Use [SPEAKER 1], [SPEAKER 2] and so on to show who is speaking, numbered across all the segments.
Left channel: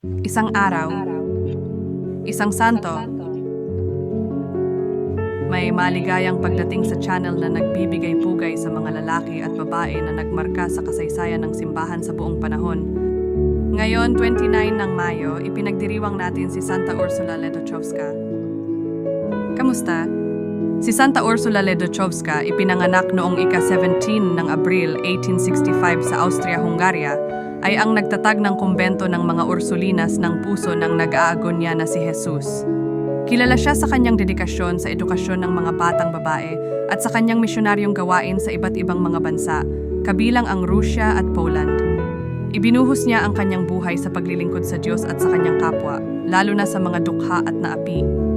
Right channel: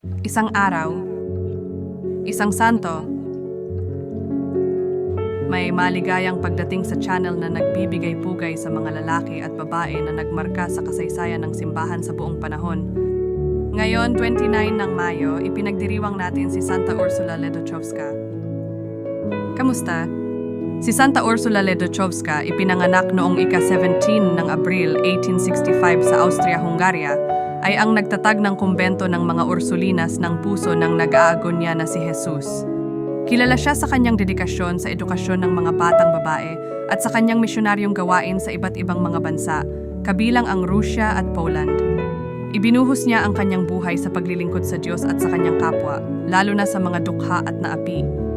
[SPEAKER 1] Isang araw, isang santo, may maligayang pagdating sa channel na nagbibigay pugay sa mga lalaki at babae na nagmarka sa kasaysayan ng simbahan sa buong panahon. Ngayon, 29 ng Mayo, ipinagdiriwang natin si Santa Ursula Ledochovska. Kamusta? Si Santa Ursula Ledochovska ipinanganak noong ika-17 ng Abril 1865 sa Austria-Hungaria ay ang nagtatag ng kumbento ng mga Ursulinas ng puso ng nag-aagonya na si Jesus. Kilala siya sa kanyang dedikasyon sa edukasyon ng mga batang babae at sa kanyang misyonaryong gawain sa iba't ibang mga bansa, kabilang ang Russia at Poland. Ibinuhos niya ang kanyang buhay sa paglilingkod sa Diyos at sa kanyang kapwa, lalo na sa mga dukha at naapi.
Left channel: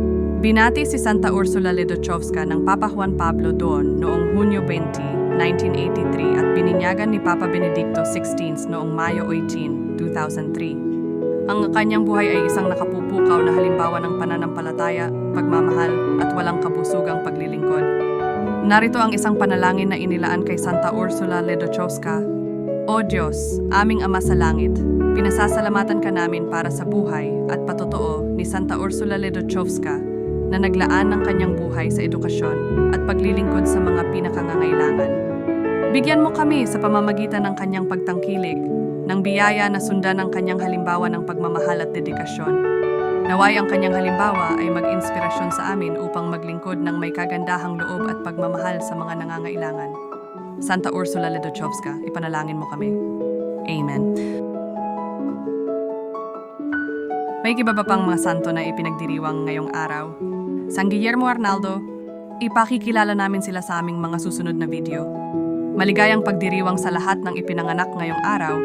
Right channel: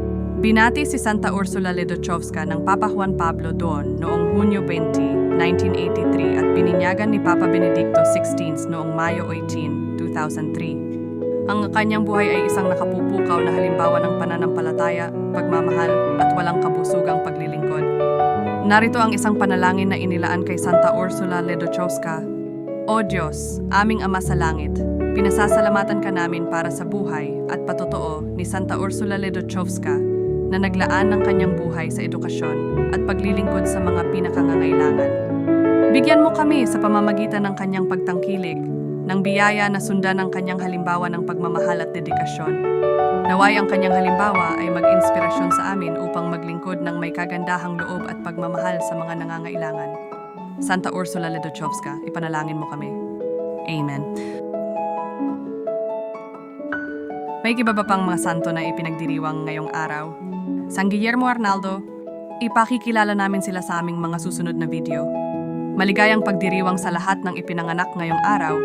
[SPEAKER 1] Binati si Santa Ursula Ledochovska ng Papa Juan Pablo II noong Hunyo 20, 1983 at bininyagan ni Papa Benedicto XVI noong Mayo 18, 2003. Ang kanyang buhay ay isang nakapupukaw na halimbawa ng pananampalataya, pagmamahal at walang kabusugang paglilingkod. Narito ang isang panalangin na inilaan kay Santa Ursula Ledochovska. O Diyos, aming Ama sa Langit, pinasasalamatan ka namin para sa buhay at patotoo ni Santa Ursula Ledochovska na naglaan ng kanyang buhay sa edukasyon at paglilingkod sa mga pinakangangailangan. Bigyan mo kami sa pamamagitan ng kanyang pagtangkilik, ng biyaya na sundan ang kanyang halimbawa ng pagmamahal at dedikasyon. Naway ang kanyang halimbawa ay mag-inspirasyon sa amin upang maglingkod ng may kagandahang loob at pagmamahal sa mga nangangailangan. Santa Ursula Ledochovska, ipanalangin mo kami. Amen. May iba ba pang mga santo na ipinagdiriwang ngayong araw? San Guillermo Arnaldo, ipakikilala namin sila sa aming mga susunod na video. Maligayang pagdiriwang sa lahat ng ipinanganak ngayong araw